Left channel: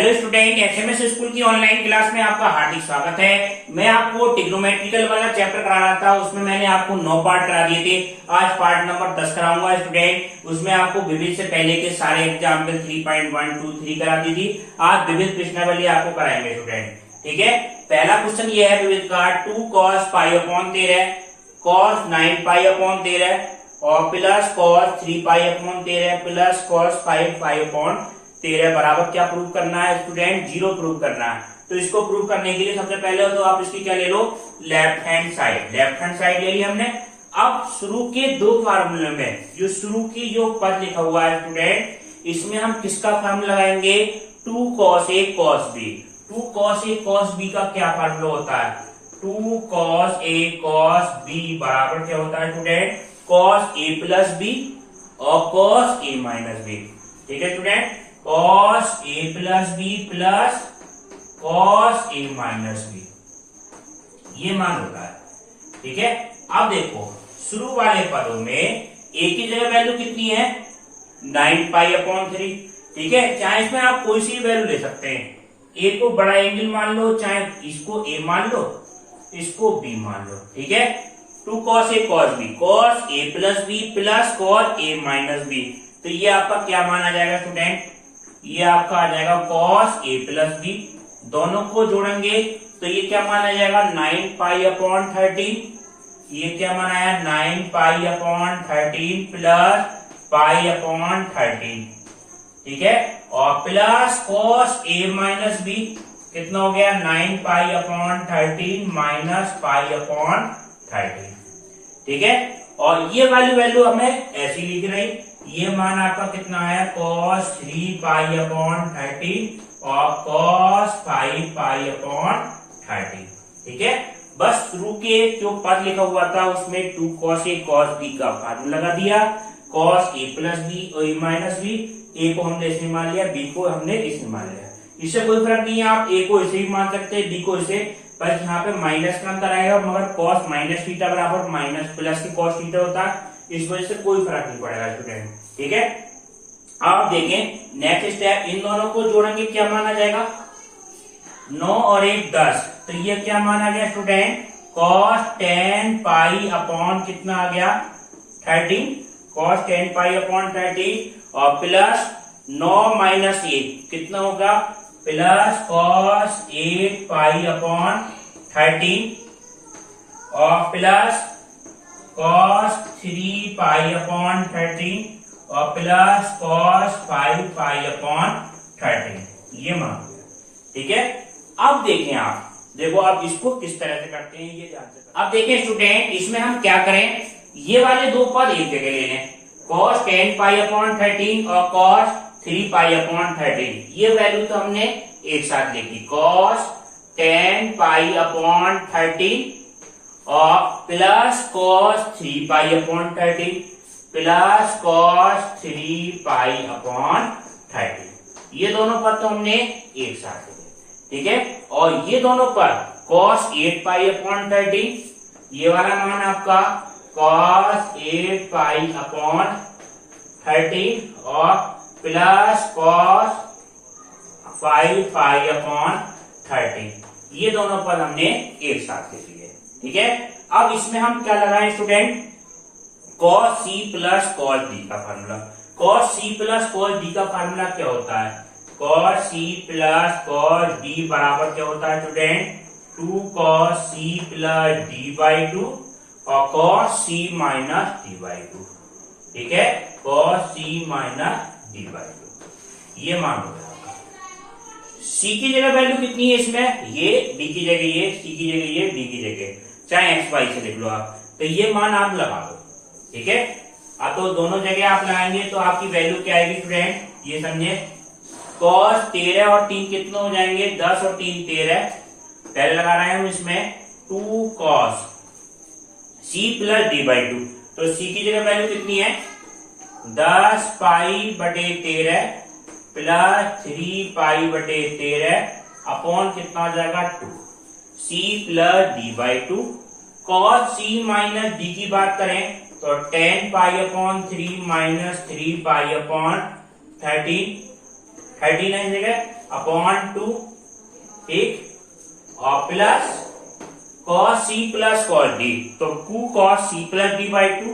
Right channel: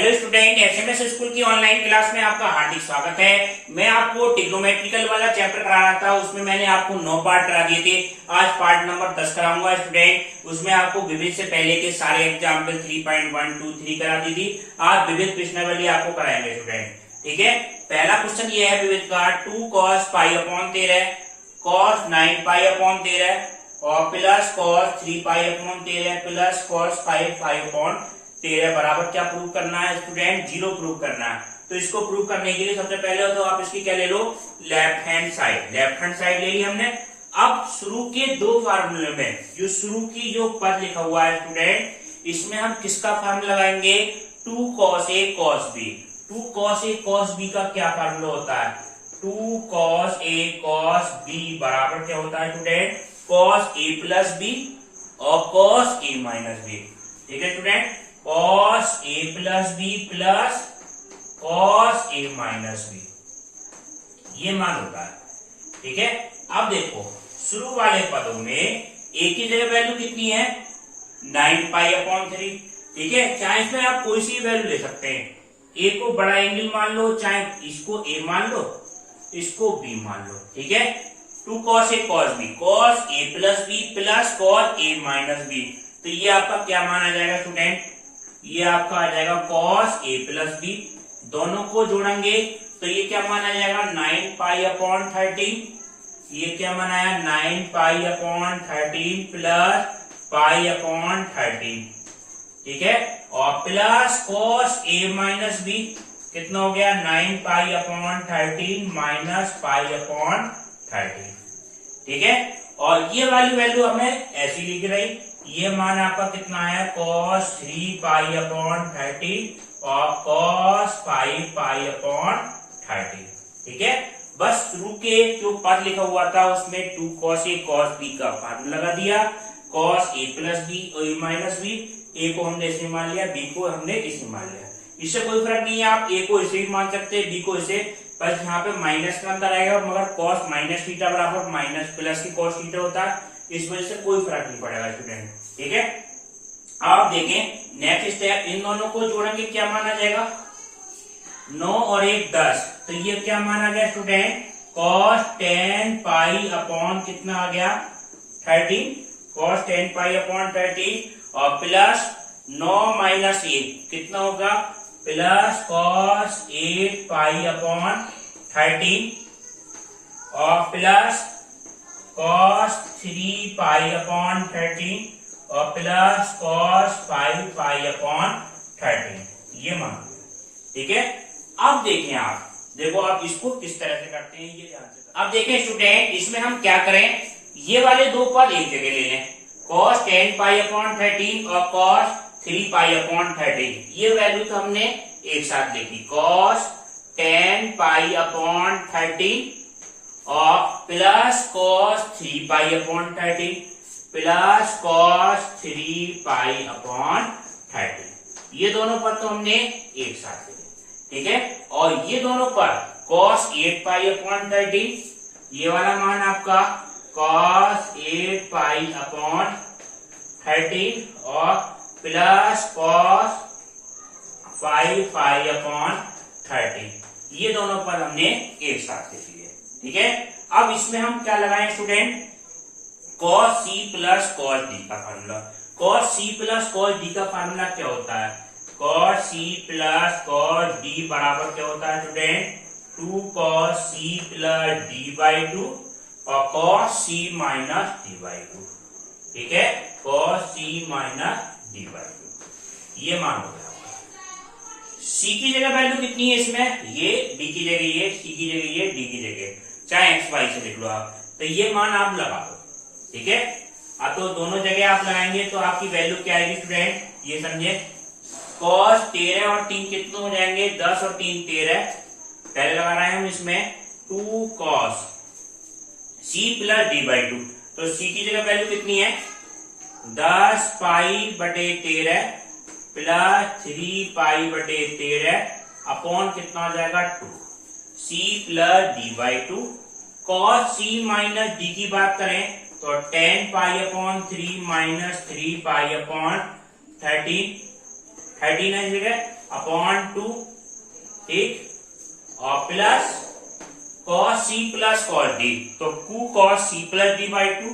Hello student, SMS school की online class में आपका हार्दिक स्वागत है। मैं आपको ट्रिग्नोमेट्रिकल वाला चैप्टर करा रहा था, उसमें मैंने आपको 9 पार्ट करा दिए थे। आज पार्ट नंबर 10 कराऊंगा स्टूडेंट। उसमें आपको विविध से पहले के सारे एग्जाम्पल 3.1, 2, 3 करा दी थी। आज विविध प्रश्नावली आपको कराएंगे स्टूडेंट, ठीक है। पहला क्वेश्चन ये है विविध का 2 cos pi upon 13 cos 9 pi upon 13 और plus cos 3 pi upon 13 plus cos 5 pi upon 13 बराबर क्या प्रूव करना है स्टूडेंट? 0 प्रूव करना है। तो इसको प्रूव करने के लिए सबसे पहले तो आप इसकी क्या ले लो, left hand side. Left hand side ले ली हमने। अब शुरू के दो फार्मूले में जो शुरू की जो पद लिखा हुआ है स्टूडेंट, इसमें हम किसका फार्मूला लगाएंगे? 2 cos A cos B। 2 cos A cos B का क्या फार्मूला होता है? 2 cos A cos B बराबर क्या होता है student? cos A plus B और cos A माइनस B। ठीक है student, cos A plus B plus cos A minus B, ये मान होता है। ठीक है, अब देखो शुरू वाले पदों में A की जगह वैल्यू कितनी है? 9 पाई अपॉन 3। ठीक है, चाहे इसमें आप कोई सी वैल्यू ले सकते हैं। A को बड़ा एंगल मान लो, चाहे इसको A मान लो, इसको B मान लो। ठीक है, 2 cos A cos B, cos A plus B plus cos A minus B। तो ये आपका क्या मान आ जाएगा स्टूडेंट? ये आपका आ जाएगा cos A प्लस B। दोनों को जोड़ेंगे तो ये क्या मान आ जाएगा? 9 पाई अपॉन 13। ये क्या मान आया? 9 pi upon 13 plus pi upon 13। ठीक है, और plus cos A minus B कितना हो गया? 9 pi upon 13 minus pi upon 13। ठीक है, और ये वाली वैल्यू हमें ऐसी लिख रही। ये मान आपका कितना आया? cos 3 पाई अपॉन 13 और cos 5 पाई अपॉन 13। ठीक है, बस शुरू के जो पद लिखा हुआ था उसमें 2 cos A cos B का फार्मूला लगा दिया। cos A प्लस B और A माइनस B, A को हमने इसमें मान लिया, B को हमने इसमें मान लिया। इससे कोई फर्क नहीं है, आप A को इसे भी मान सकते हैं, B को इसे, बस यहाँ पे माइनस का अंतर आएगा। मगर cos माइनस थीटा बराबर माइनस प्लस की cos थीटा होता है, इस वजह से कोई फर्क नहीं पड़ेगा स्टूडेंट। ठीक है, आप देखें नेक्स्ट स्टेप, इन दोनों को जोड़ेंगे क्या मान आ जाएगा? 9 और 1 10। तो ये क्या मान आ गया स्टूडेंट? cos 10 पाई अपॉन कितना आ गया? 13। cos 10 पाई अपॉन 13 और प्लस 9 माइनस 1 कितना होगा? प्लस cos 8 पाई अपॉन 13 और प्लस cos 3 पाई अपॉन 13 और प्लस cos 5 पाई अपॉन 13। ये मान। ठीक है, अब देखें, आप देखो आप इसको किस तरह से करते हैं, ये ध्यान से। अब देखें स्टूडेंट, इसमें हम क्या करें, ये वाले दो पद एक जगह ले लें। cos 10 पाई अपॉन 13 और cos 3 पाई अपॉन 13, ये वैल्यू तो हमने एक साथ लिखी। cos 10 पाई अपॉन 13 और plus cos 3 pi upon 13 plus cos 3 pi upon 13, ये दोनों पद तो हमने एक साथ लिखे। ठीक है, और ये दोनों पद cos 8 पाई अपॉन 13, ये वाला मान आपका cos 8 पाई अपॉन 13 और प्लस cos 5 पाई अपॉन 13, ये दोनों पद हमने एक साथ लिख लिए। ठीक है, अब इसमें हम क्या लगाएं student? cos C plus cos D का formula. cos C plus cos D का फार्मूला क्या होता है? cos C plus cos D बराबर क्या होता है student? 2 cos C plus D by 2 और cos C minus D by 2। ठीक है, cos C minus D by 2, ये मान हो गया। C की जगह वैल्यू कितनी है इसमें? ये, D की जगह ये, C की जगह ये, D की जगह, चाहे x y से लिख लो आप। तो ये मान आप लगा दो। ठीक है, अब तो दोनों जगह आप लगाएंगे तो आपकी वैल्यू क्या आएगी स्टूडेंट? ये समझे, cos 13 और 3 कितने हो जाएंगे? 10 और 3 13। पहले लगा रहे हैं हम इसमें 2 cos C plus D by 2। तो C की जगह वैल्यू कितनी है? 10 पाई बटे 13 प्लस 3 पाई बटे 13 अपॉन कितना हो जाएगा? 2 C plus D by 2। cos C minus D की बात करें तो 10 pi upon 3 minus 3 pi upon 13 13 है जगह अपॉन 2, ठीक, और plus cos c plus cos d, तो 2 cos c plus d by 2,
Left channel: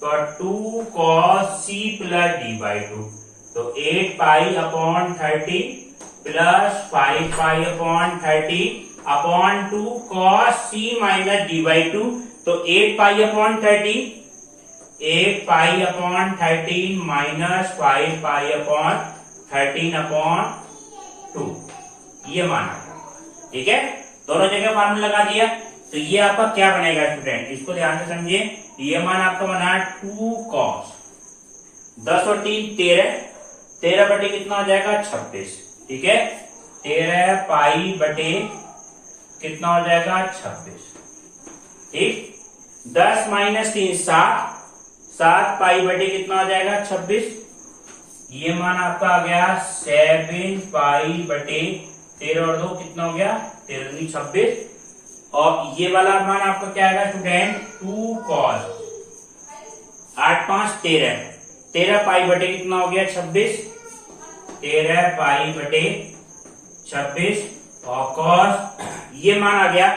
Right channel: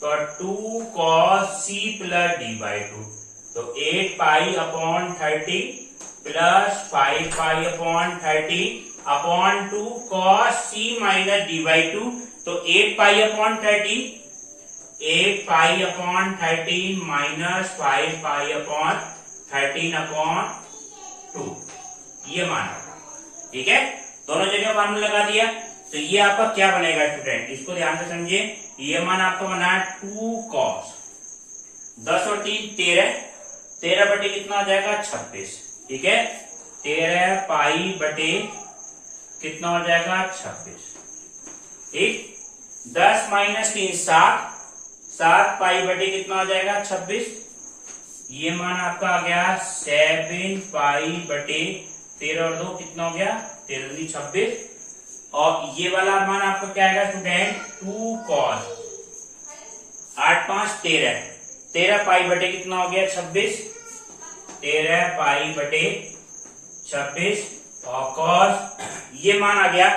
तो 2 cos c plus d by 2, तो 8 pi upon 30 plus 5 pi upon 30 upon 2 cos c minus d by 2, तो 8 pi upon 30, 8 pi upon 13 minus 5 pi upon 13 upon 2, ये माना था, ठीक है। दोनों जगह फार्मूला लगा दिया, तो ये आपका क्या बनेगा स्टूडेंट, इसको ध्यान से समझिए। ये मान आपका बना 2 cos 10 और 3 13, 13 बटे कितना हो जाएगा 26, ठीक है। 13 पाई बटे कितना हो जाएगा 26, ठीक। 10 माइनस 3 7, 7 पाई बटे कितना हो जाएगा 26, ये मान आपका आ गया 7 पाई बटे 13 और 2 कितना हो गया 13 26, और ये वाला मान आपका क्या आएगा स्टूडेंट 2 cos 8 5 13, 13 पाई बटे कितना हो गया 26, 13 पाई बटे 26, और cos ये मान आ गया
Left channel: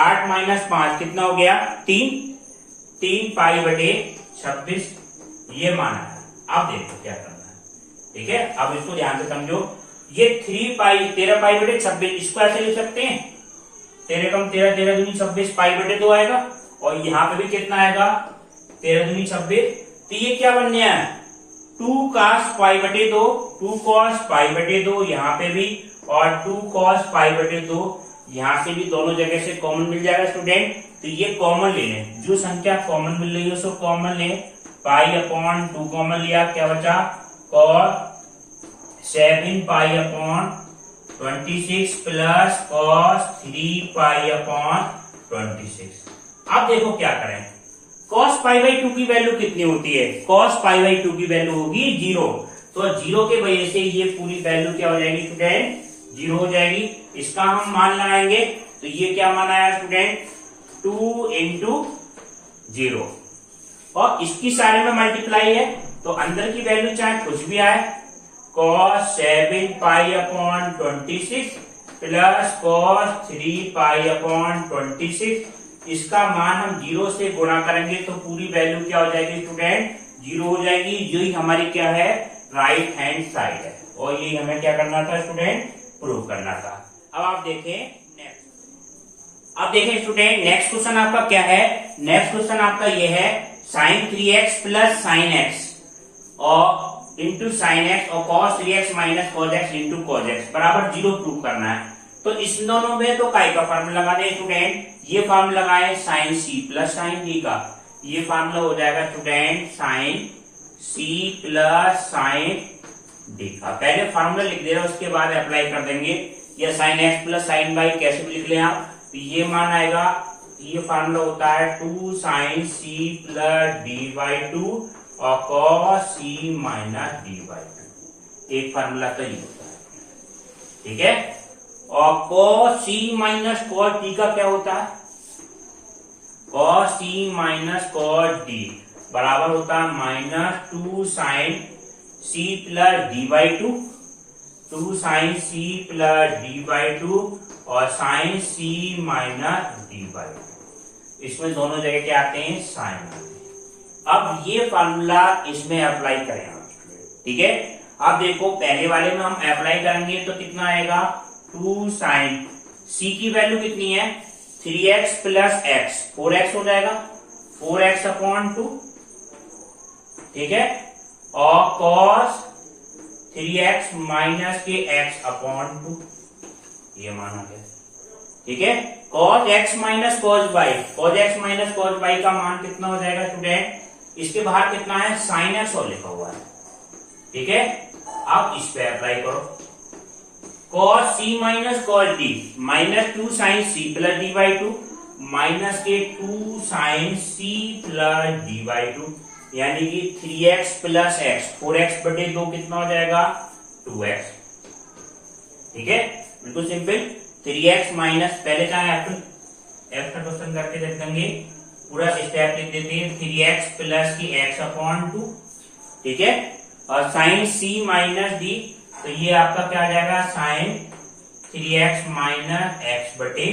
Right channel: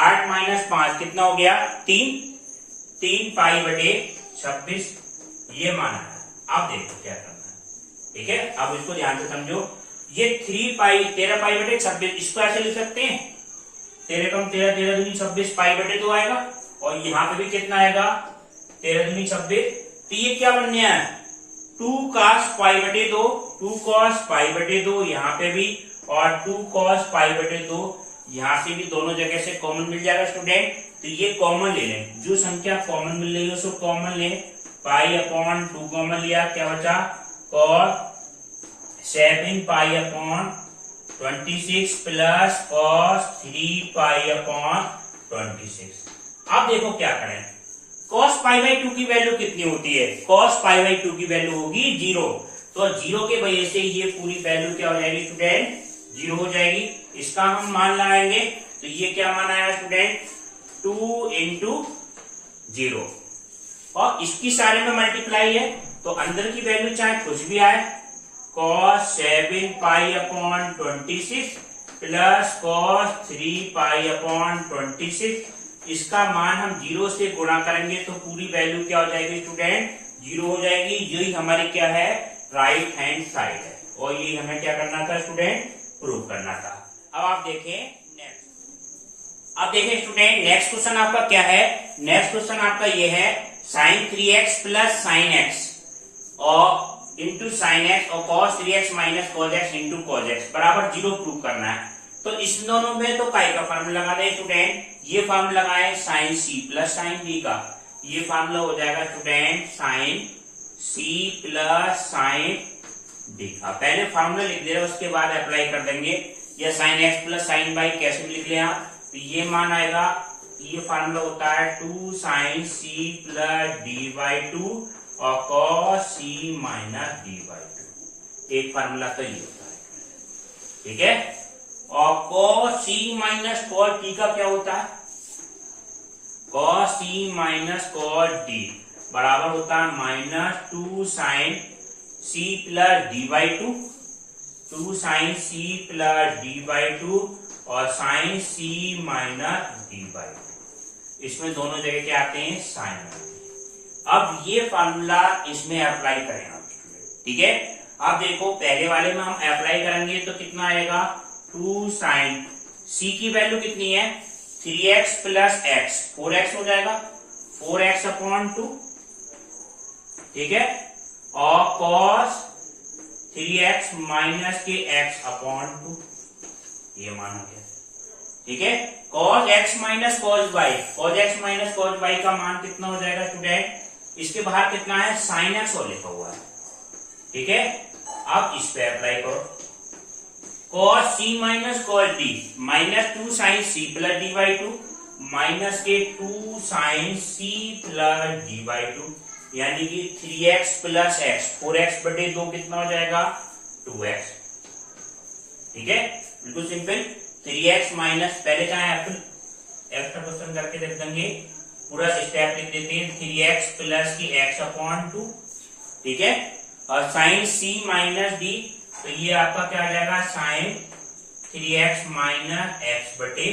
8 माइनस 5 कितना हो गया 3, 3 पाई बटे 26, ये मान आया। अब देखो क्या करना है, ठीक है। अब इसको ध्यान से समझो, ये 3 पाई 13 पाई बटे 26, इसको ऐसे लिख सकते हैं 13 कम 13, 13 दूनी 26 पाई बटे 2 आएगा, और यहाँ पे भी कितना आएगा 13 दूनी 26, तो ये क्या बन गया 2 cos पाई बटे 2, 2 cos पाई बटे 2 यहाँ पे भी, और 2 cos पाई बटे 2 यहाँ से भी, दोनों जगह से कॉमन मिल जाएगा स्टूडेंट। तो ये कॉमन ले लें, जो संख्या कॉमन मिल रही है उसको कॉमन लें, पाई अपॉन 2 कॉमन लिया, क्या बचा cos 7 pi upon 26 plus cos 3 pi upon 26। अब देखो क्या करें, cos पाई बाई 2 की वैल्यू कितनी होती है, cos पाई बाई 2 की वैल्यू होगी 0, तो 0 के वजह से ये पूरी वैल्यू क्या हो जाएगी स्टूडेंट 0 हो जाएगी। इसका हम मान लगाएंगे, तो ये क्या मान आया स्टूडेंट 2 इंटू 0, और इसकी सारे में मल्टीप्लाई है, तो अंदर की वैल्यू चाहे कुछ भी आए, cos 7 pi upon 26 plus cos 3 pi upon 26, इसका मान हम 0 से गुणा करेंगे तो पूरी वैल्यू क्या हो जाएगी स्टूडेंट 0 हो जाएगी। यही हमारी क्या है राइट हैंड साइड है, और यही हमें क्या करना था स्टूडेंट प्रूव करना था। अब आप देखें नेक्स्ट, अब देखें स्टूडेंट नेक्स्ट क्वेश्चन आपका क्या है, नेक्स्ट क्वेश्चन आपका ये है sin 3x plus sin x और इंटू साइन एक्स और cos 3x minus cos x into cos x बराबर 0 प्रूव करना है। तो इस दोनों में तो काय का फार्मूला लगा दें स्टूडेंट, ये फार्मूला लगाए sin c plus sin d का, ये फार्मूला हो जाएगा student sin c plus sin d का। पहले फार्मूला लिख दे रहे उसके बाद अप्लाई कर देंगे, या sin x plus sin y कैसे भी लिख लें आप, तो ये मान आएगा, ये फार्मूला होता है 2 sin c plus d by 2 और cos c minus d by 2, एक फार्मूला तो ये होता है, ठीक है। और cos c minus cos d का क्या होता है, cos c minus cos d बराबर होता है minus 2 sin c plus d by 2, 2 sin c plus d by 2 और sin c minus d by 2, इसमें दोनों जगह क्या आते हैं साइन। अब ये फार्मूला इसमें अप्लाई करें आप, ठीक है। अब देखो पहले वाले में हम अप्लाई करेंगे तो कितना आएगा 2 sin c की वैल्यू कितनी है 3x प्लस x, 4x हो जाएगा 4x अपॉन 2, ठीक है, और cos 3x माइनस के x अपॉन 2, ये मान हो गया, ठीक है। cos x minus cos y, cos x minus cos y का मान कितना हो जाएगा स्टूडेंट, इसके बाहर कितना है sin x और लिखा हुआ है, ठीक है। अब इस पे अप्लाई करो, cos c minus cos d minus 2 sin c plus d by 2 minus के 2 sin c plus d by 2, यानी कि 3x प्लस x, 4x बटे 2 कितना हो जाएगा 2x, ठीक है, बिल्कुल सिंपल। 3x माइनस, पहले चाहे f का क्वेश्चन करके देख देंगे, पूरा स्टेप लिख देते हैं 3x प्लस की x अपॉन 2, ठीक है, और साइन c माइनस d तो ये आपका क्या आ जाएगा साइन 3x माइनस एक्स बटे,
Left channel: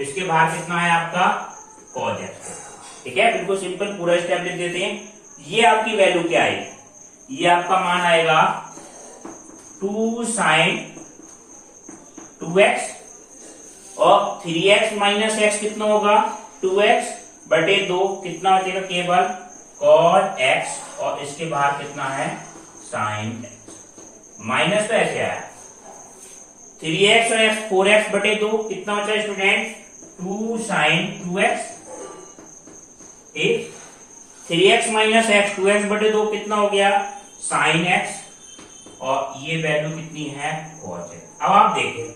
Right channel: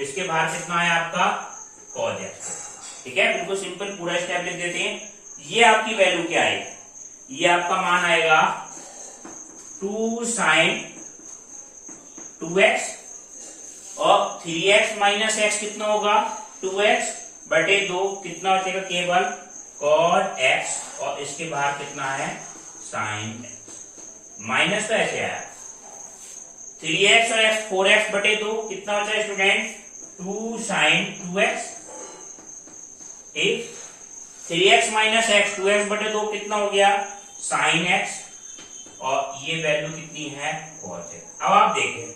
इसके बाहर कितना है आपका cos x। ठीक है, बिल्कुल सिंपल, पूरा स्टेप लिख देते हैं। ये आपकी वैल्यू क्या आएगी, ये आपका मान आएगा 2 साइन 2x और 3x माइनस एक्स कितना होगा 2x बटे 2, कितना बचेगा केवल cos x और इसके बाहर कितना है साइन x। माइनस तो ऐसे आया 3x और x 4x बटे 2, कितना बचा student 2 sine 2x। 3x minus x 2x बटे 2 कितना हो गया साइन x और ये वैल्यू कितनी है cos x। अब आप देखें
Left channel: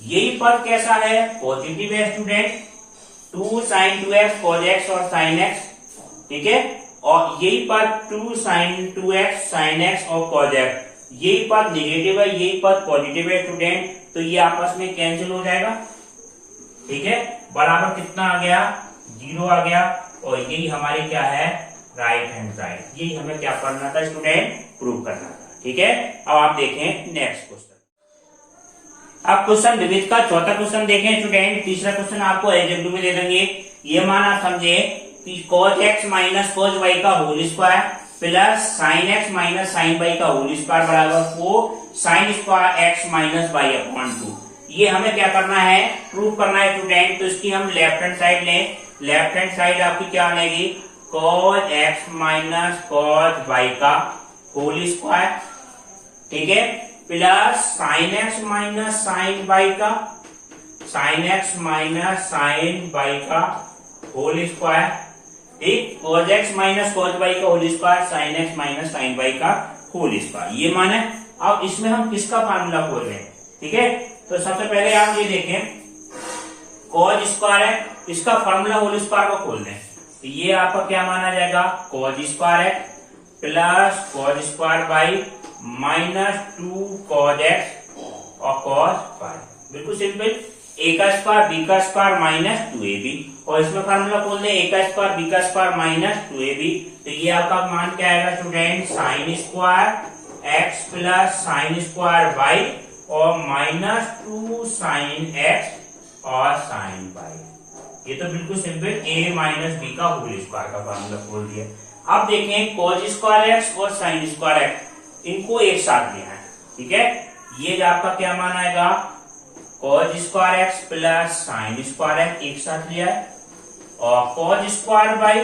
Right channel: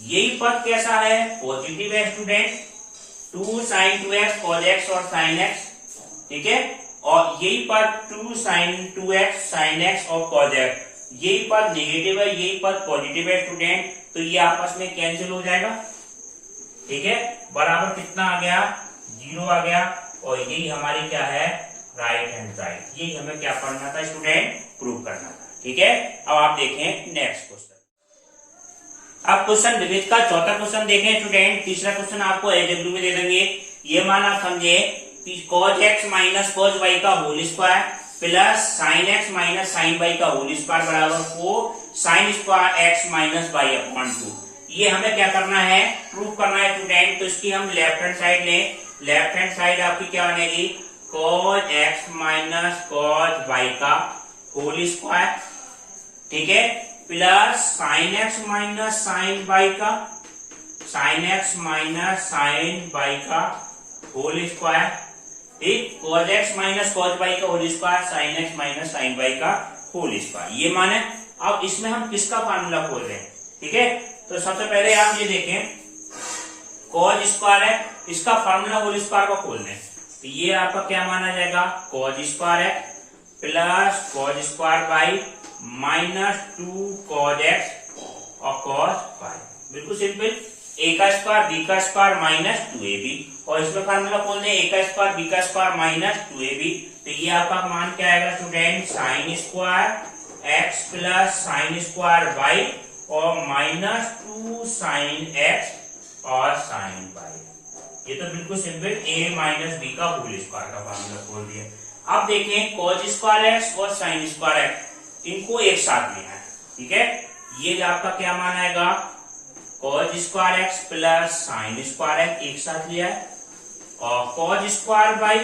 यही पद कैसा है पॉजिटिव है student, 2 sine 2x cos x और साइन x। ठीक है, और यही पद 2 साइन 2x साइन x और cos x, यही पद नेगेटिव है, यही पद पॉजिटिव है स्टूडेंट, तो ये आपस में कैंसिल हो जाएगा। ठीक है, बराबर कितना आ गया 0 आ गया, और यही हमारी क्या है राइट हैंड साइड, यही हमें क्या करना था स्टूडेंट प्रूव करना था। ठीक है, अब आप देखें नेक्स्ट क्वेश्चन। अब क्वेश्चन विविध का चौथा क्वेश्चन देखें स्टूडेंट। तीसरा क्वेश्चन आपको एलजेब्रू में दे देंगे। ये मान आप समझे cos x minus cos y का whole square plus sine x minus sine y का होल स्क्वायर बराबर 4 sine square x minus y upon 2। ये हमें क्या करना है प्रूव करना है स्टूडेंट। तो इसकी हम लेफ्ट हैंड साइड लें, लेफ्ट हैंड साइड आपकी क्या बनेगी cos x minus cos y का होल स्क्वायर, ठीक है, plus sine x minus sine y का, sine x minus sine y का होल स्क्वायर, ठीक, cos x minus cos y का whole square, sine x minus sine y का whole square, ये मान है। अब इसमें हम किसका फार्मूला खोल रहे हैं, ठीक है, तो सबसे पहले आप ये देखें cos स्क्वायर है, इसका फार्मूला होल स्क्वायर का खोल दें, तो ये आपका क्या माना जाएगा cos स्क्वायर है plus cos square by minus 2 cos x और cos y, बिल्कुल सिंपल, a का स्क्वायर b का स्क्वायर माइनस 2ab, और इसमें फार्मूला खोल दें a का स्क्वायर b का स्क्वायर माइनस 2ab, तो ये आपका मान क्या आएगा student sine square x plus sine square y और माइनस 2 साइन x और साइन y। ये तो बिल्कुल सिंपल a माइनस b का होल स्क्वायर का फार्मूला खोल दिया। अब देखें cos स्क्वायर x और साइन स्क्वायर x, इनको एक साथ लेना है, ठीक है, ये आपका क्या मान आएगा cos square x plus sign square x एक साथ लिया है, और cos स्क्वायर y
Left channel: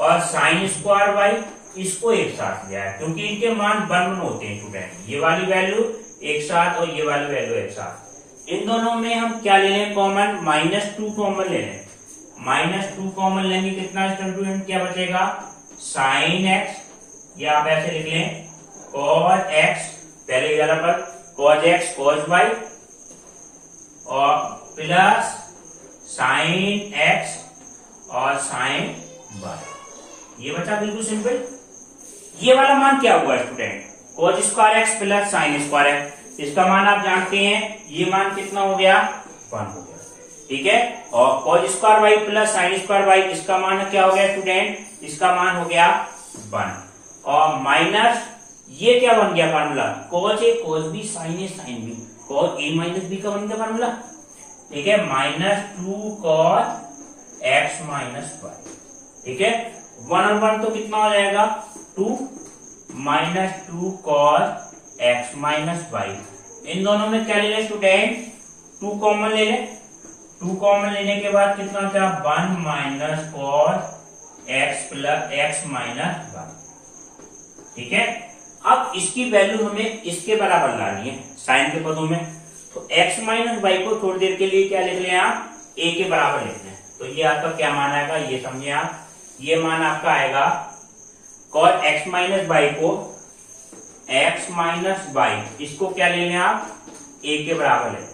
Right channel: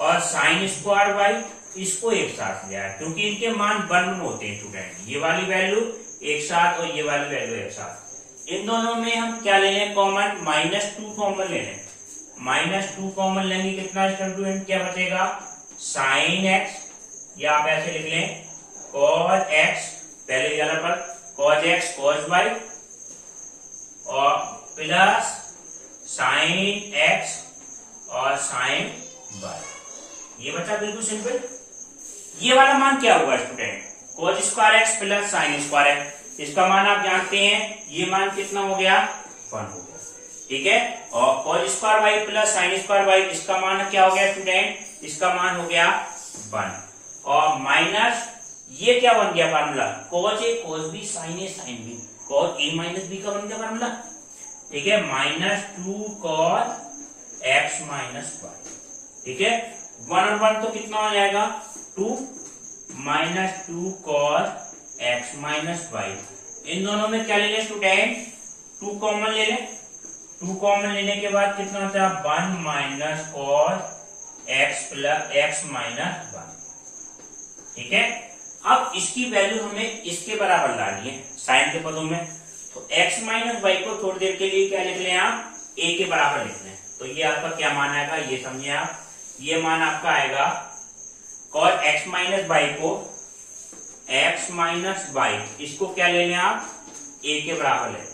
और साइन स्क्वायर y इसको एक साथ लिया है, क्योंकि इनके मान वन होते हैं स्टूडेंट, ये वाली वैल्यू एक साथ और ये वाली वैल्यू एक साथ। इन दोनों में हम क्या ले लें कॉमन, -2 कॉमन ले लें, -2 कॉमन लेंगे कितना स्टूडेंट क्या बचेगा साइन x, या आप ऐसे लिख लें cos x, पहले वाला पर cos x cos y और प्लस साइन x और साइन y, ये बचा बिल्कुल सिंपल। ये वाला मान क्या हुआ student cos square x plus sign square x, इसका मान आप जानते हैं, ये मान कितना हो गया 1 हो गया, ठीक है, और cos square y plus sine square y इसका मान क्या हो गया स्टूडेंट, इसका मान हो गया 1, और माइनस ये क्या बन गया formula cos a cos b sin a sin b, cos a minus b का बन गया फार्मूला, ठीक है, -2 cos x माइनस y, ठीक है, 1 और 1 तो कितना हो जाएगा 2 -2 cos x माइनस y। इन दोनों में क्या ले लें स्टूडेंट 2 कॉमन ले लें, 2 कॉमन लेने के बाद कितना होता है 1 minus cos x plus x minus y, ठीक है। अब इसकी वैल्यू हमें इसके बराबर लानी है साइन के पदों में, तो x माइनस y को थोड़ी देर के लिए क्या लिख लें आप a के बराबर लिख लें, तो ये आपका क्या मान आएगा ये समझिए आप, ये मान आपका आएगा cos x माइनस y को x माइनस y, इसको क्या लेंगे आप a के बराबर लें,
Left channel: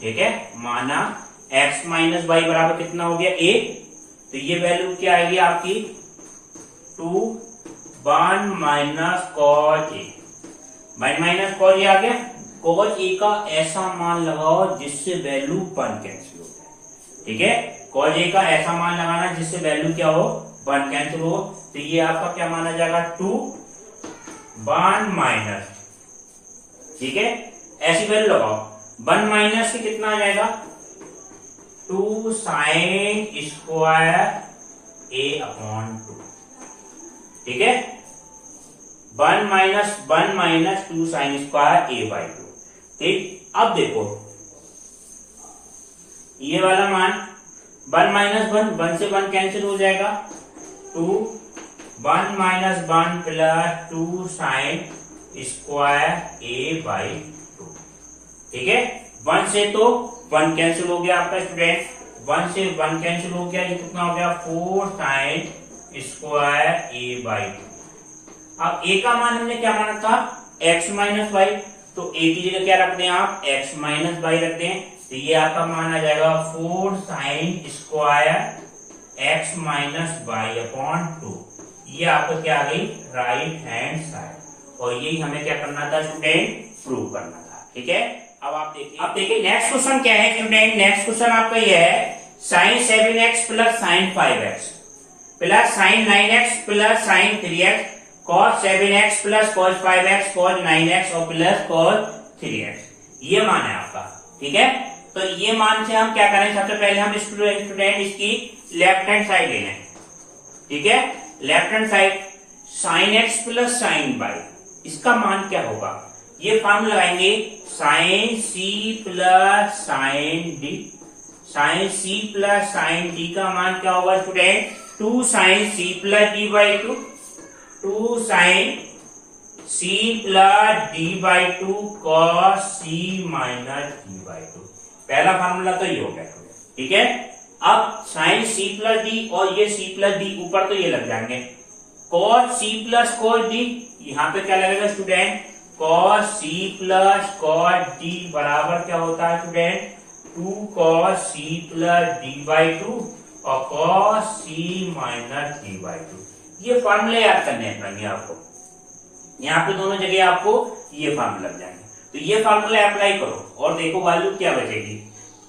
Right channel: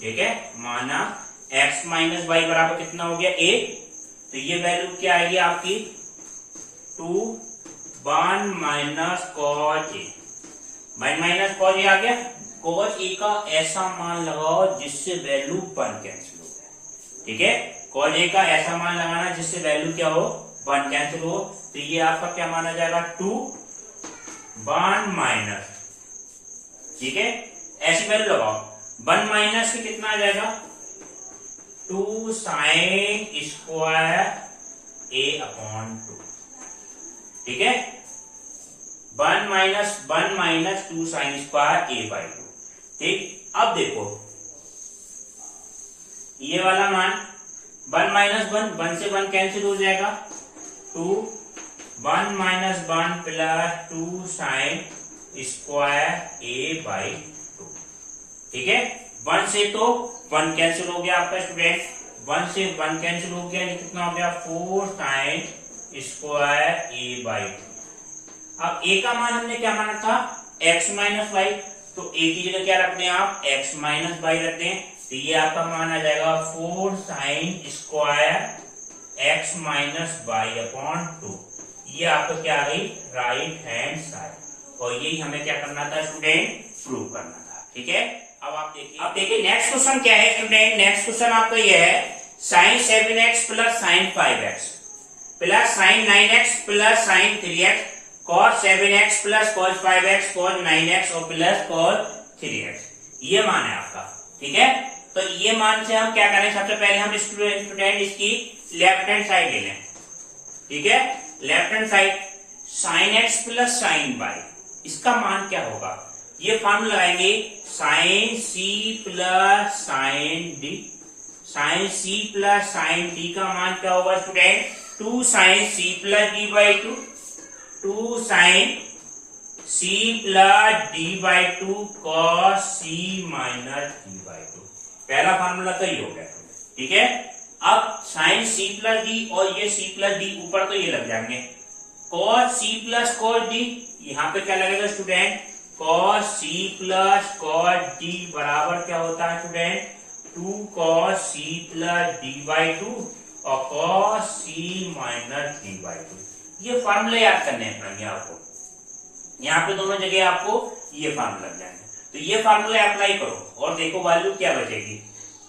ठीक है, माना x माइनस y बराबर कितना हो गया a, तो ये वैल्यू क्या आएगी आपकी 2 1 minus cos a, minus cos a आ गया, cos a का ऐसा मान लगाओ जिससे वैल्यू 1 कैंसिल हो जाए, ठीक है, cos a का ऐसा मान लगाना जिससे वैल्यू क्या हो 1 कैंसिल हो, तो ये आपका क्या माना जाएगा 2 1 माइनस, ठीक है, ऐसी वैल्यू लगाओ। 1 माइनस से कितना आ जाएगा 2 साइन स्क्वायर a अपॉन 2, ठीक है। 1 minus 2 sine square a by 2, ठीक। अब देखो ये वाला मान 1 माइनस 1 से 1 कैंसिल हो जाएगा, 2 1 minus 1 plus 2 sine square a by 2, ठीक है। 1 से तो 1 कैंसिल हो गया आपका स्टूडेंट, 1 से 1 कैंसिल हो गया, ये कितना हो गया 4 साइन स्क्वायर a बाई 2। अब a का मान हमने क्या माना था x माइनस वाई, तो a की जगह क्या रखते हैं आप x माइनस वाई रखते हैं, तो ये आपका मान आ जाएगा 4 sine square x minus y upon 2। ये आपको क्या आ गई राइट हैंड साइड, और यही हमें क्या करना था स्टूडेंट प्रूव करना था, ठीक है। अब देखिए नेक्स्ट क्वेश्चन क्या है स्टूडेंट। नेक्स्ट क्वेश्चन आपका ये है sine 7x plus sine 5x plus sine 9x plus sine 3x cos 7x plus cos 5x cos 9x और प्लस cos 3x, ये मान है आपका, ठीक है। तो ये मान से हम क्या करें, सबसे पहले हम स्टूडेंट इसकी लेफ्ट हैंड साइड ले लें, ठीक है। Left hand side sine x plus sine y, इसका मान क्या होगा, ये फॉर्मूला लगाएंगे sine c plus sine d। Sine c plus sine d का मान क्या होगा student 2 sine c plus d by 2, 2 sine c plus d by 2 cos c minus d by 2। पहला फार्मूला तो ये हो गया, ठीक है। अब साइन c प्लस d और ये c प्लस d ऊपर तो ये लग जाएंगे, cos c plus cos d, यहाँ पे क्या लगेगा student cos c plus cos d बराबर क्या होता है student 2 cos c plus d by 2 और cos c minus d by 2। ये फार्मूला याद करने पड़ेंगे आपको, यहाँ पे दोनों जगह आपको ये फार्मूला लग जाएंगे। तो ये फार्मूला अप्लाई करो और देखो वैल्यू क्या बचेगी,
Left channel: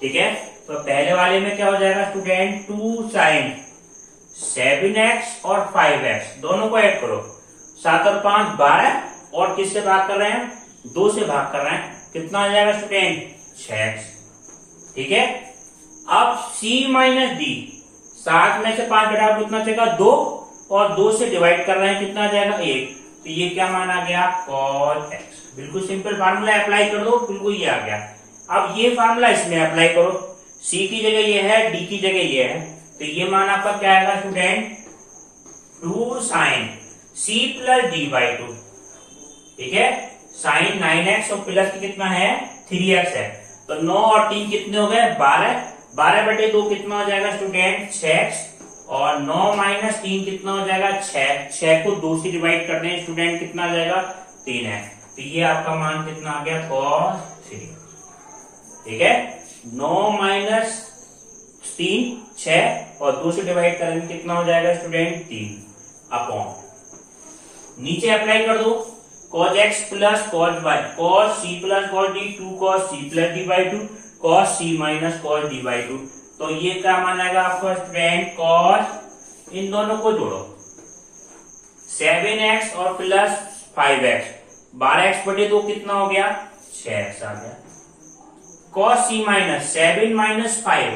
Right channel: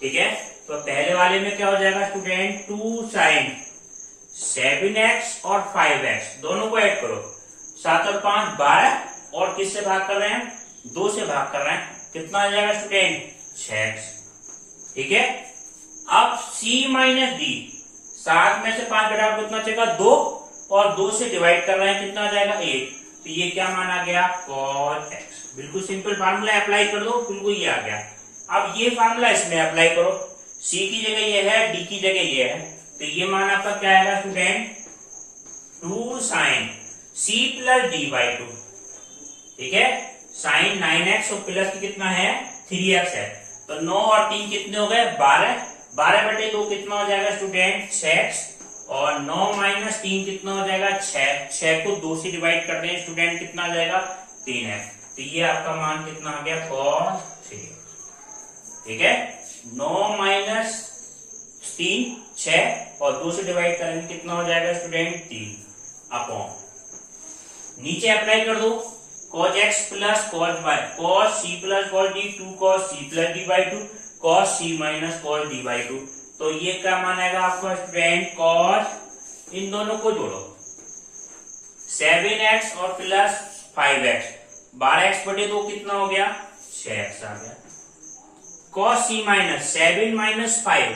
ठीक है। तो पहले वाले में क्या हो जाएगा स्टूडेंट 2 साइन 7x और 5x दोनों को ऐड करो, 7 और 5 12, और किससे भाग कर रहे हैं 2 से भाग कर रहे हैं, कितना आ जाएगा स्टूडेंट 6x, ठीक है। अब c माइनस d, 7 में से 5 घटाओ कितना बचेगा 2, और 2 से डिवाइड कर रहे हैं कितना आ जाएगा 1, तो ये क्या मान आ गया cos x। बिल्कुल सिंपल फार्मूला अप्लाई कर दो, बिल्कुल ये आ गया। अब ये फार्मूला इसमें अप्लाई करो, c की जगह ये है d की जगह ये है, तो ये मान आपका क्या आएगा student 2 sine c plus d by 2, ठीक है। साइन 9x और प्लस की कितना है 3x है, तो 9 और 3 कितने हो गए 12, 12 बटे 2 कितना हो जाएगा स्टूडेंट 6x, और 9 माइनस 3 कितना हो जाएगा 6, 6 को 2 से डिवाइड कर दें स्टूडेंट कितना आ जाएगा 3 है, तो ये आपका मान कितना आ गया cos 3, ठीक है। 9 माइनस 3 6 और 2 से डिवाइड करेंगे कितना हो जाएगा स्टूडेंट 3 अपॉन, नीचे अप्लाई कर दो cos x plus cos y, cos c plus cos d 2 cos c plus d by 2 cos c minus cos d by 2, तो ये क्या मान आएगा आपका स्टूडेंट cos, इन दोनों को जोड़ो 7x और प्लस 5x, 12x बटे 2 कितना हो गया 6x आ गया, cos c minus 7 minus 5,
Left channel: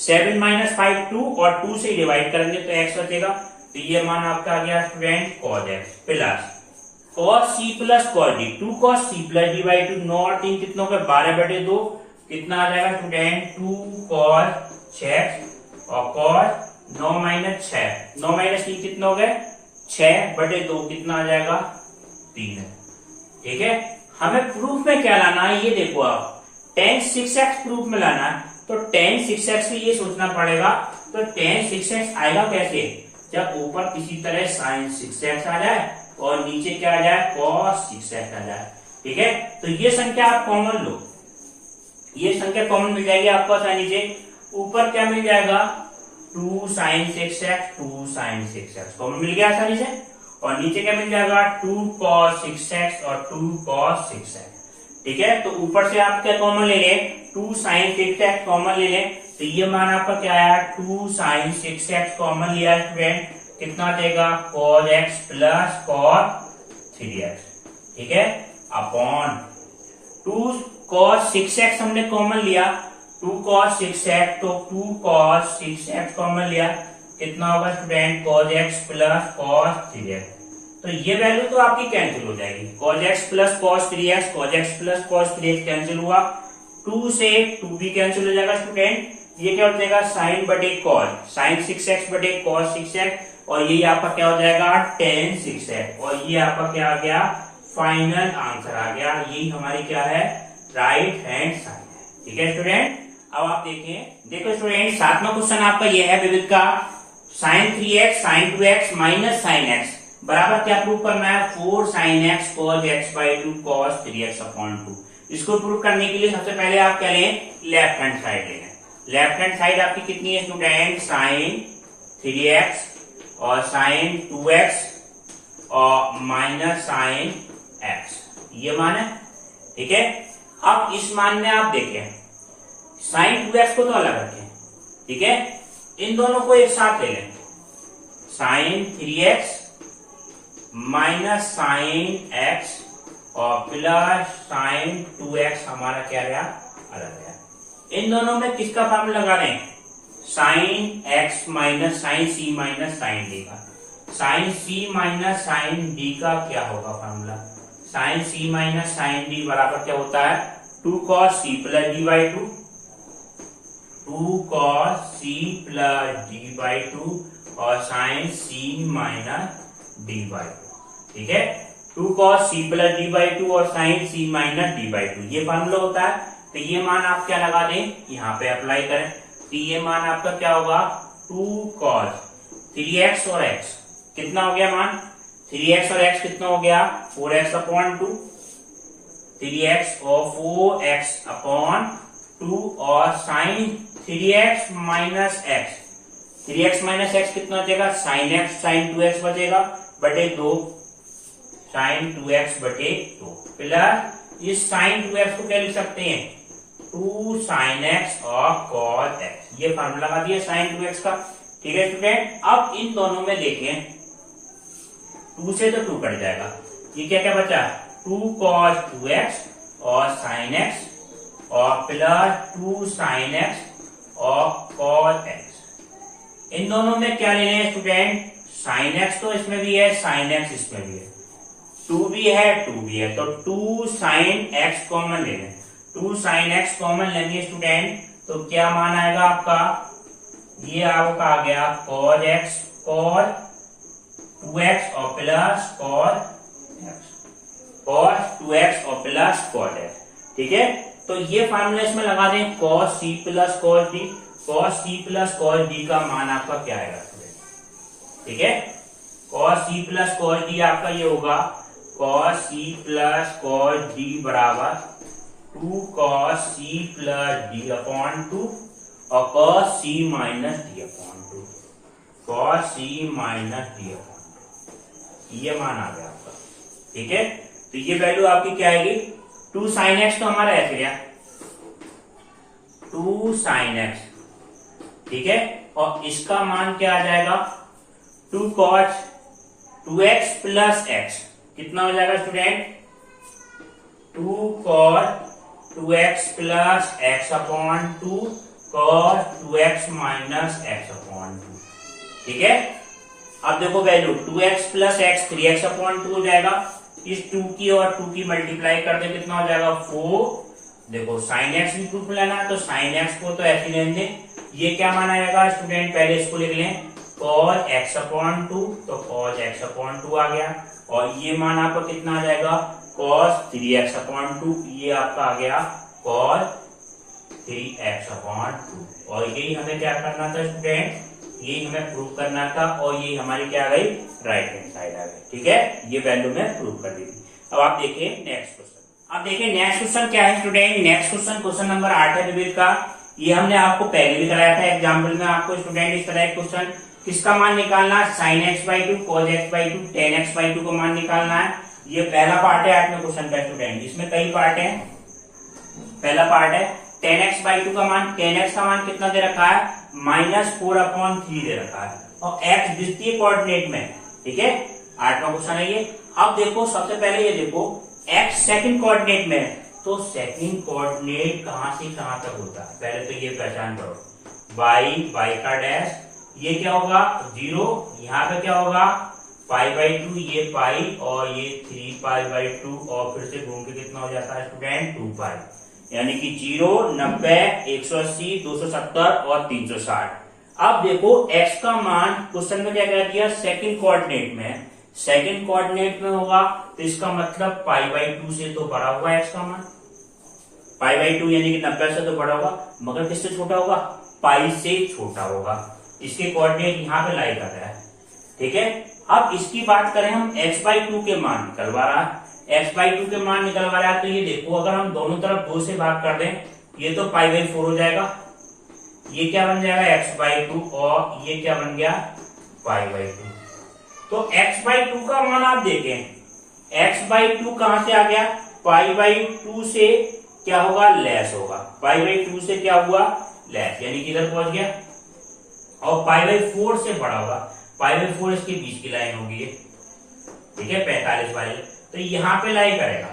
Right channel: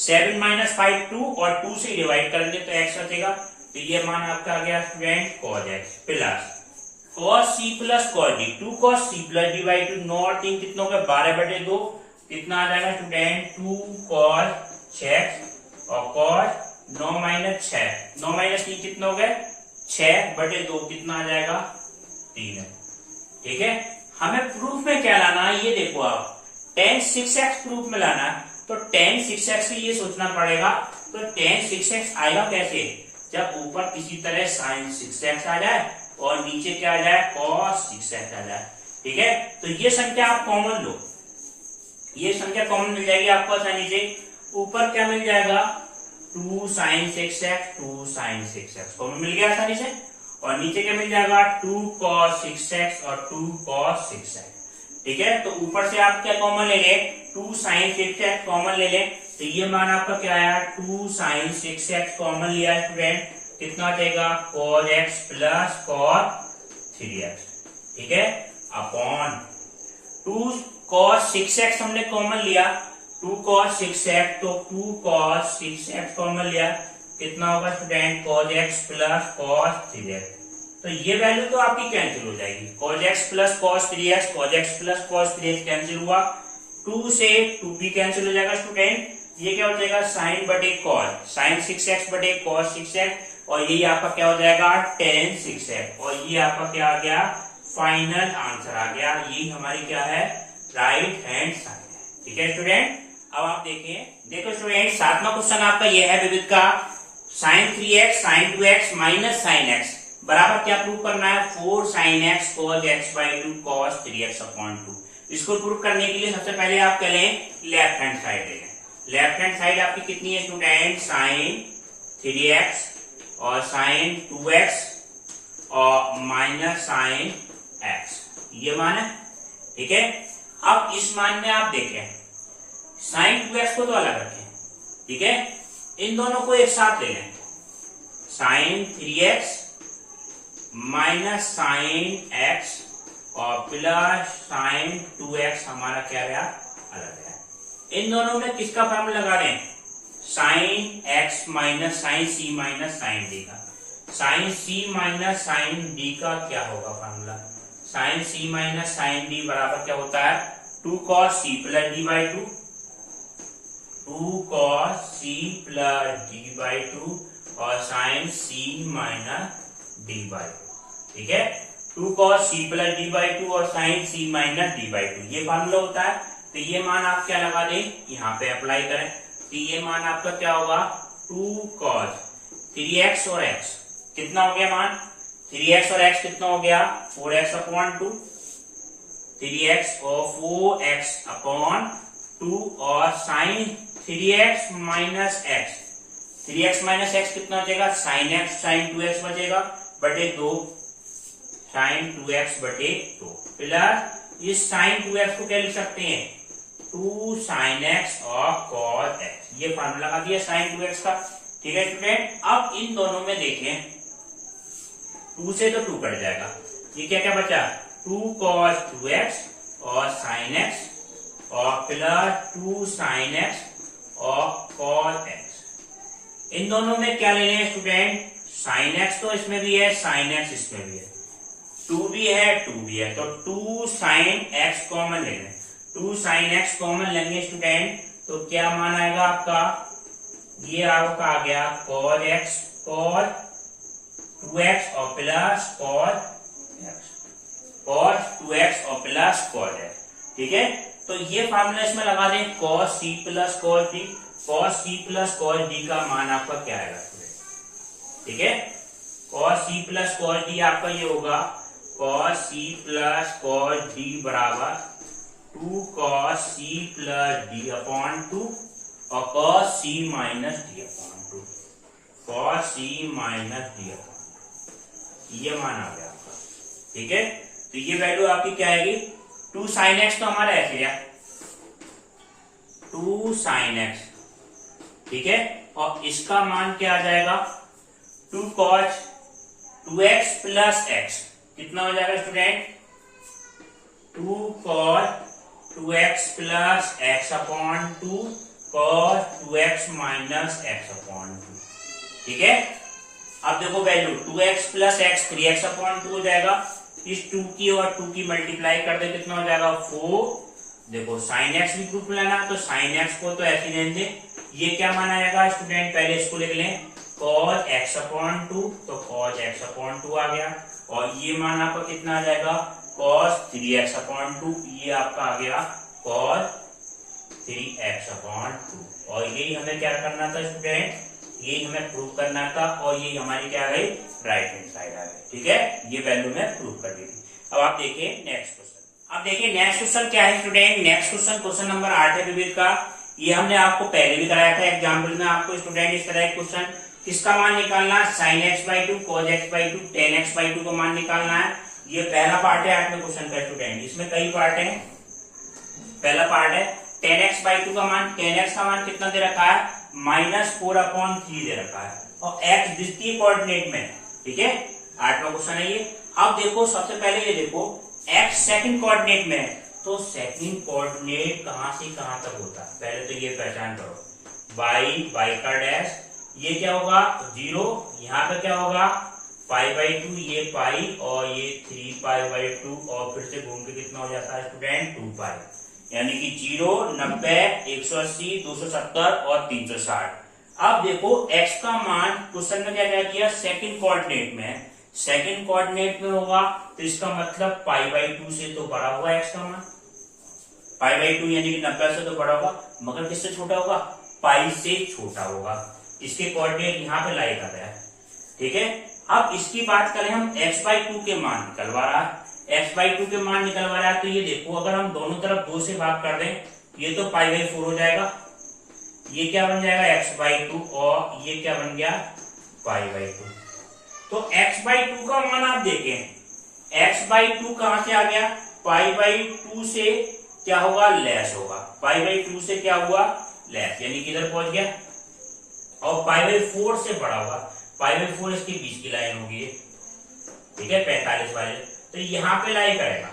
7 minus 5 2, और 2 से डिवाइड करेंगे तो x बचेगा, तो ये मान आपका आ गया student cos x plus cos c plus cos d, 2 cos c plus d by 2, 9 और 3 कितनों का 12 बटे 2 कितना आ जाएगा स्टूडेंट 2 cos 6 और cos 9 माइनस 6, 9 माइनस 3 कितना हो गए 6 बटे 2 कितना आ जाएगा 3, ठीक है। हमें प्रूफ में क्या लाना है ये देखो आप, tan 6x प्रूफ में लाना है, तो tan 6x से ये सोचना पड़ेगा, तो tan 6x आएगा कैसे, जब ऊपर किसी तरह sin 6x आ जाए और नीचे क्या आ जाए cos 6x आ जाए, ठीक है। तो ये संख्या आप कॉमन लो, ये संख्या कॉमन मिल जाएगी आपको आसानी से, ऊपर क्या मिल जाएगा 2 sin 6x 2 sin 6x common मिल गया आसानी से, और नीचे क्या मिल जाएगा 2 cos 6x और 2 cos 6x, ठीक है। तो ऊपर से आप क्या कॉमन ले लें 2 sin 6x कॉमन ले लें, तो ये मान आपका क्या आया 2 sin 6x कॉमन लिया स्टूडेंट, कितना देगा cos x plus cos 3x, ठीक है, अपॉन 2 cos 6x हमने कॉमन लिया, 2 cos 6x, तो 2 cos 6x कॉमन लिया, कितना होगा student, cos x plus cos 3x। तो ये वैल्यू तो आपकी कैंसिल हो जाएगी, cos x plus cos 3x, cos x plus cos 3x cancel हुआ, 2 से 2 भी कैंसिल हो जाएगा स्टूडेंट, ये क्या हो जाएगा sin बटे cos, sin 6x बटे cos 6x, और ये आपका क्या हो जाएगा tan 6x, और ये आपका क्या आ गया, फाइनल आंसर आ गया। यही हमारी क्या है, राइट हैंड साइड है, ठीक है स्टूडेंट। अब आप देखें, देखो स्टूडेंट 7वां क्वेश्चन आपका ये है विविध का, sin 3x sin 2x minus sin x बराबर क्या प्रूव करना है, 4 sin x cos x by 2 cos 3x upon 2। इसको प्रूव करने के लिए सबसे पहले आप क्या लें, लेफ्ट हैंड साइड लें। लेफ्ट हैंड साइड आपकी कितनी है स्टूडेंट, sin 3x और sin 2x और माइनस sin x, ये मान है, ठीक है। अब इस मान में आप देखें sin 2x को तो अलग रखें, ठीक है, इन दोनों को एक साथ ले लें, sin 3x minus sin x और प्लस sin 2x हमारा क्या रहा, अलग रहा। इन दोनों में किसका फार्मूला लगा दें, sin x minus sin c minus sin d का। sin c minus sin d का क्या होगा formula, sin c minus sin d बराबर क्या होता है, 2 cos c plus d by 2, 2 cos c plus d by 2 और sin c minus d by 2, ठीक है, 2 cos c plus d by 2 और sin c minus d by 2, ये formula होता है। तो ये मान आप क्या लगा दें, यहाँ पे अप्लाई करें, तो ये मान आपका क्या होगा, 2 cos 3x और x कितना हो गया मान, 3x और x कितना हो गया, 4x अपॉन 2, 3x और 4x अपॉन 2 और sin 3x minus x, 3x minus x कितना हो जाएगा, sin x sin 2x बचेगा बटे 2 sin 2x बटे 2 प्लस इस sin 2x को क्या लिख सकते हैं, 2 sin x और cos x, ये फार्मूला लगा दिया sin 2x का, ठीक है स्टूडेंट। अब इन दोनों में देखें 2 से तो 2 कट जाएगा, ये क्या क्या बचा, 2 cos 2x और sin x और प्लस 2 sin x और cos x। इन दोनों में क्या लेने हैं स्टूडेंट, sin x तो इसमें भी है, sin x इसमें भी है, 2 भी है 2 भी है, तो 2 sin x कॉमन ले लें, 2 sin x कॉमन लेंगे स्टूडेंट, तो क्या मान आएगा आपका, ये आपका आ गया cos x cos 2x और plus cos x, cos 2x और प्लस cos x, ठीक है। तो ये फार्मूला इसमें लगा दें, cos c plus cos d, cos c plus cos d का मान आपका क्या आएगा, ठीक है, cos c plus cos d आपका ये होगा, cos c plus cos d बराबर 2 cos c plus d upon 2 और cos c minus d upon 2, cos c minus d upon 2, ये मान आ गया आपका, ठीक है। तो ये वैल्यू आपकी क्या आएगी, 2 sin x तो हमारा ऐसे गया 2 sin x, ठीक है, और इसका मान क्या आ जाएगा, 2 cos 2x प्लस x कितना हो जाएगा student, 2 cos 2x plus x upon 2 cos 2x minus x upon 2, ठीक है। अब देखो value 2x plus x 3x upon 2 हो जाएगा, इस 2 की और 2 की मल्टीप्लाई कर दे कितना हो जाएगा 4। देखो sin x भी प्रूफ लेना, तो sin x को तो ऐसे लेने दें, ये क्या माना जाएगा स्टूडेंट, पहले इसको लिख लें cos x अपॉन 2, तो cos x अपॉन 2 आ गया, और ये मान आपका कितना आ जाएगा cos 3x अपॉन 2, ये आपका आ गया cos 3x अपॉन 2, और यही हमें क्या करना था स्टूडेंट, यही हमें प्रूव करना था, और यही हमारी क्या आ गई, राइट हैंड साइड आ गई, ठीक है, ये वैल्यू में प्रूव कर दी थी। अब आप देखिए नेक्स्ट क्वेश्चन, अब देखिए नेक्स्ट क्वेश्चन क्या है student, next question question number 8 है विविध का, ये हमने आपको पहले भी कराया था एग्जाम्पल में, आपको स्टूडेंट इस तरह क्वेश्चन किसका मान निकालना है, sin x by 2 cos x by 2 tan x by 2 को मान निकालना है। ये पहला पार्ट है 8वें क्वेश्चन का स्टूडेंट, इसमें कई पार्ट हैं, पहला पार्ट है tan x बाई 2 का मान, tan x का मान कितना दे रखा है, -4/3 दे रखा है, और x द्वितीय कोऑर्डिनेट में, ठीक है, 8वां क्वेश्चन है ये। अब देखो सबसे पहले ये देखो एक्स सेकंड कोऑर्डिनेट में है, तो सेकंड कोऑर्डिनेट कहां से कहां तक होता है पहले तो ये पहचान करो। y का डैश, ये क्या होगा 0, यहाँ पे क्या होगा π/2, ये पाई और ये 3π/2 और फिर से घूम के कितना हो जाता है स्टूडेंट 2π, यानी कि 0, 90, 180, 270 और 360। अब देखो x का मान क्वेश्चन में क्या कह दिया सेकंड कोऑर्डिनेट में, सेकंड कोऑर्डिनेट में होगा तो इसका मतलब π/2 से तो बड़ा होगा x का मान, π/2 यानी कि 90 से तो बड़ा होगा, मगर किससे छोटा होगा पाई से छोटा होगा। इसके कोऑर्डिनेट यहाँ पे लाई कर रहा है, ठीक है। अब इसकी बात करें हम x/2 के मान निकलवा रहा है, x/2 के मान निकलवा रहा है, तो ये देखो अगर हम दोनों तरफ 2 से भाग कर दें ये तो π/4 हो जाएगा, ये क्या बन जाएगा x/2 और ये क्या बन गया π/2। तो x/2 का मान आप देखें, x/2 कहां से आ गया π/2 से क्या होगा लेस होगा, π/2 से क्या हुआ लेस, यानी कि इधर पहुंच गया, और π/4 से बड़ा होगा, π/4 इसके बीच की लाइन होगी ये, ठीक है 45 वाले, तो यहाँ पे लाइन करेगा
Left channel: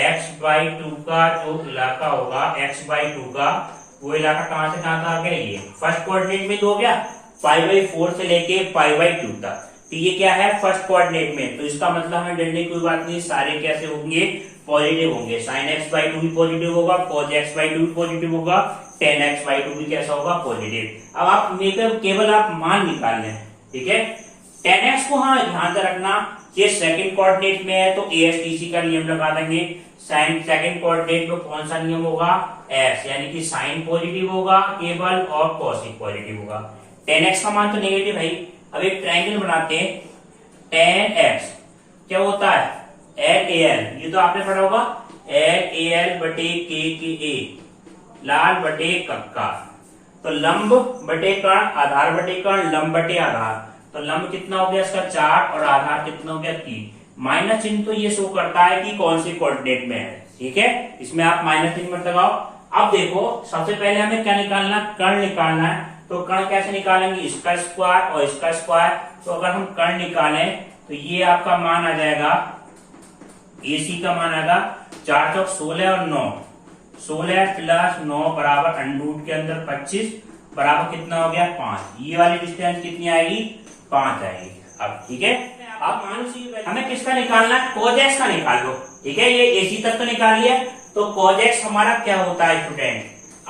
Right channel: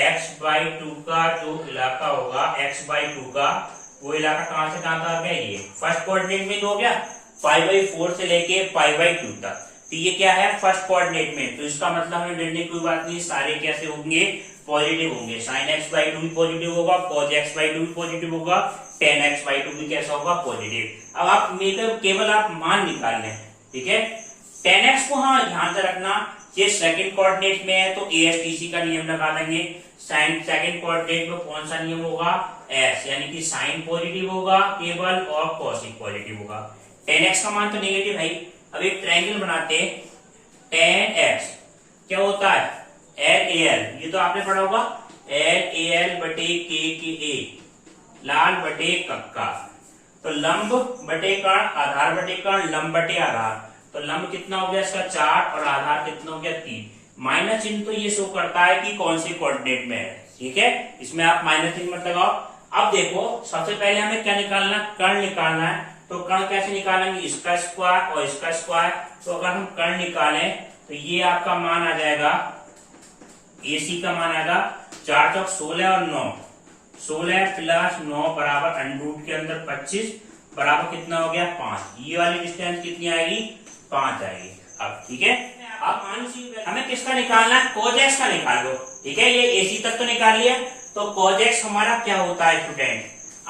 x/2 का जो इलाका होगा, x/2 का वो इलाका कहां से कहां तक आ गया, ये फर्स्ट कोऑर्डिनेट में तो हो गया π/4 से लेके π/2 तक, तो ये क्या है फर्स्ट कोऑर्डिनेट में, तो इसका मतलब हमें डरने की कोई बात नहीं, सारे कैसे होंगे पॉजिटिव होंगे, sin x/2 भी पॉजिटिव होगा, cos x/2 भी पॉजिटिव होगा, tan x/2 भी कैसा होगा पॉजिटिव। अब आप केवल आप मान निकाल लें, ठीक है। tan x को हाँ ध्यान से रखना, ये सेकंड कोऑर्डिनेट में है तो ASTC का नियम लगा देंगे, साइन सेकंड कोऑर्डिनेट में कौन सा नियम होगा s, यानी कि साइन पॉजिटिव होगा केवल और कॉसिक पॉजिटिव होगा। tan x का मान तो नेगेटिव है। अब एक ट्रायंगल बनाते हैं, tan x क्या होता है LAL, ये तो आपने पढ़ा होगा LAL बटे KKA, लाल बटे कक्का, तो लंब बटे कर्ण, आधार बटे कर्ण, लंब बटे आधार, तो लंब कितना हो गया इसका 4 और आधार कितना हो गया 3, माइनस चिन्ह तो ये शो करता है कि कौन सी कोऑर्डिनेट में है, ठीक है, इसमें आप माइनस चिन्ह मत लगाओ। अब देखो सबसे पहले हमें क्या निकालना, कर्ण निकालना है, तो कर्ण कैसे निकालेंगे, इसका स्क्वायर और इसका स्क्वायर, तो अगर हम कर्ण निकालें तो ये आपका मान आ जाएगा, AC का मान आएगा 4 चौक 16 और 9, 16 प्लस 9 बराबर अंडरूट के अंदर 25 बराबर कितना हो गया 5, ये वाली डिस्टेंस कितनी आएगी 5 आएगी। अब ठीक है, अब हमें किसका निकालना है, cos x का निकाल लो, ठीक है, ये AC तक तो निकाल लिया, तो cos x हमारा क्या होता है स्टूडेंट,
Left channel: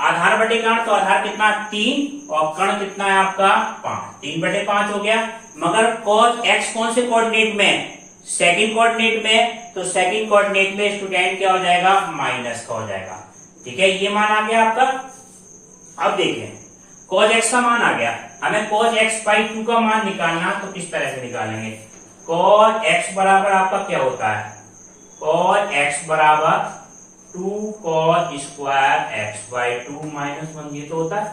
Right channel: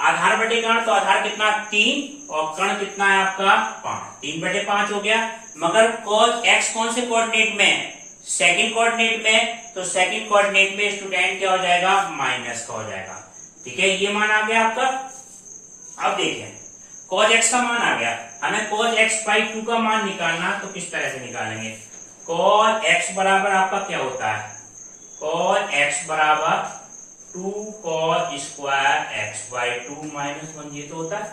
आधार बटे कर्ण, तो आधार कितना 3 और कर्ण कितना है आपका 5, 3/5 हो गया, मगर cos x कौन से कोऑर्डिनेट में, सेकंड कोऑर्डिनेट में, तो सेकंड कोऑर्डिनेट में स्टूडेंट क्या हो जाएगा माइनस का हो जाएगा, ठीक है, ये मान आ गया आपका। अब देखें cos x का मान आ गया, हमें cos x/2 का मान निकालना, तो किस तरह से निकालेंगे, cos x बराबर आपका क्या होता है, cos x बराबर 2 cos स्क्वायर x/2 -1, ये तो होता है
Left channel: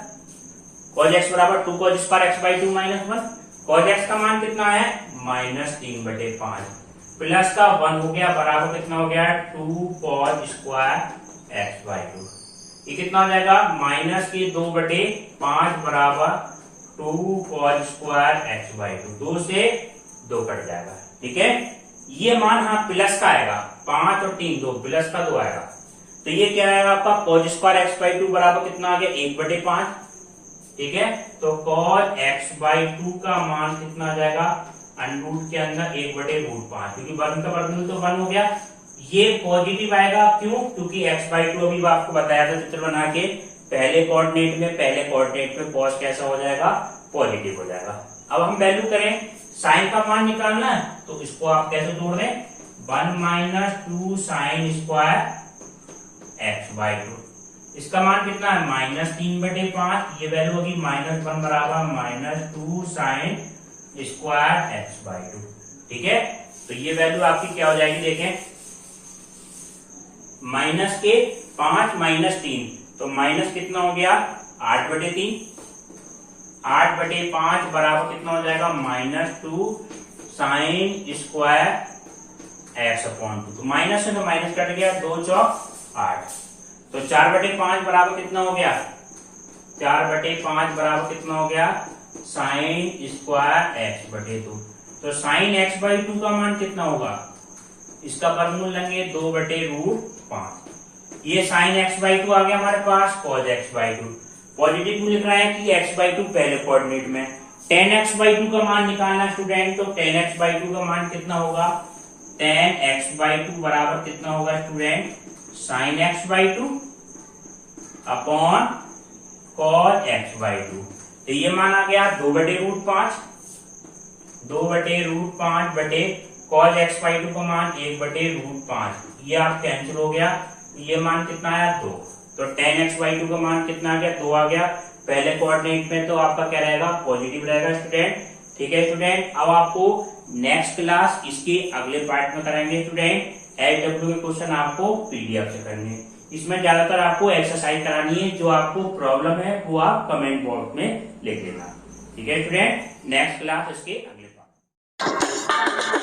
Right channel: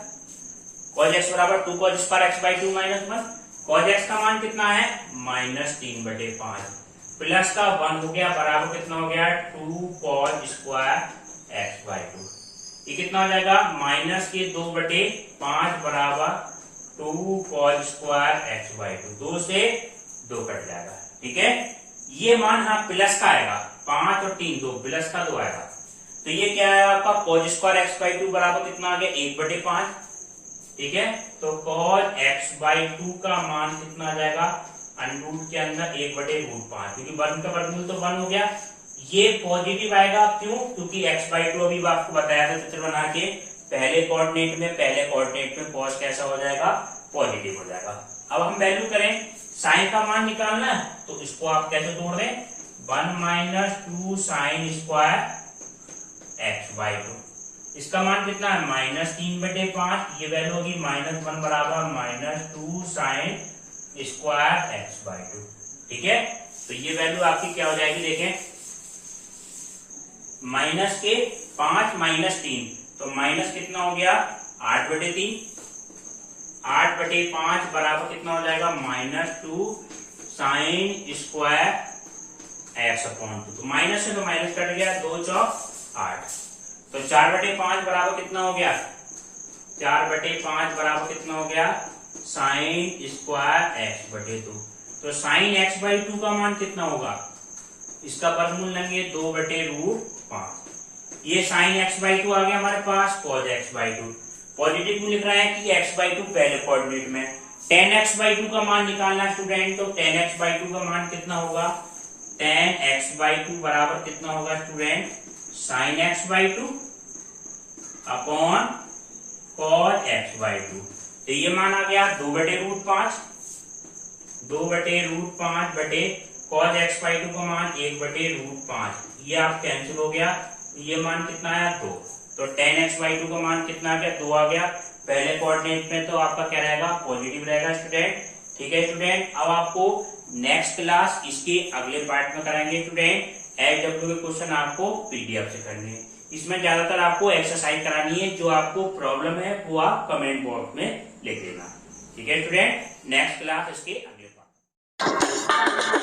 cos x बराबर 2 cos square x/2 -1, cos x का मान कितना है -3/5, प्लस का 1 हो गया बराबर कितना हो गया 2 cos स्क्वायर x/2, ये कितना हो जाएगा माइनस के 2/5 बराबर 2 cos स्क्वायर x/2, 2 से 2 कट जाएगा, ठीक है, ये मान हाँ प्लस का आएगा, 5 और 3 2 प्लस का 2 आएगा, तो ये क्या आएगा आपका cos स्क्वायर x/2 बराबर कितना आ गया 1/5, ठीक है, तो cos x/2 का मान कितना आ जाएगा अंडरूट के अंदर 1/5, क्योंकि वर्ग का वर्गमूल तो 1 हो गया, ये पॉजिटिव आएगा, क्यों, क्योंकि x/2 अभी आपको बताया था चित्र बना के, पहले कोऑर्डिनेट में cos कैसा हो जाएगा पॉजिटिव हो जाएगा। अब हम वैल्यू करें, साइन का मान निकालना है, तो इसको आप कैसे जोड़ दें, 1 - 2 साइन स्क्वायर x/2, इसका मान कितना है -3/5, ये वैल्यू होगी -1 बराबर -2 साइन स्क्वायर x/2, ठीक है, तो ये वैल्यू आपकी क्या हो जाएगी देखें, माइनस के 5 -3, तो माइनस कितना हो गया 8/3, 8/5 बराबर कितना हो जाएगा -2 साइन स्क्वायर x/2, तो माइनस से तो माइनस कट गया, 2 चौक 8, तो 4/5 बराबर कितना हो गया, 4/5 बराबर कितना हो गया साइन स्क्वायर x/2, तो साइन एक्स बाई टू का मान कितना होगा, इसका वर्गमूल लेंगे 2/√5। ये साइन एक्स बाई टू आ गया हमारे पास, cos x by two. Positive लिख रहा है कि एक्स बाई टू पहले कोऑर्डिनेट में। टेन एक्स बाई टू का मान निकालना स्टूडेंट, तो टेन एक्स बाई टू का मान कितना होगा, टेन एक्स बाई टू बराबर कितना होगा student, sign x by two upon cos x by to. तो ये मान आ गया 2/√5, 2/√5 बटे कॉस एक्स बाई टू का मान 1/√5। ये आप कैंसिल हो गया, ये मान कितना आया 2। तो टेन एक्स बाई टू का मान कितना आ गया, 2 आ गया। पहले कोऑर्डिनेट में तो आपका क्या रहेगा, पॉजिटिव रहेगा स्टूडेंट। ठीक है स्टूडेंट, अब आपको नेक्स्ट क्लास इसके अगले पार्ट में कराएंगे स्टूडेंट। एलडब्ल्यू के क्वेश्चन आपको पीडीएफ से करने हैं। इसमें ज्यादातर आपको एक्सरसाइज करानी है, जो आपको प्रॉब्लम है वो आप कमेंट बॉक्स में लिख देना। ठीक है स्टूडेंट, नेक्स्ट क्लास इसके अगले पार्ट।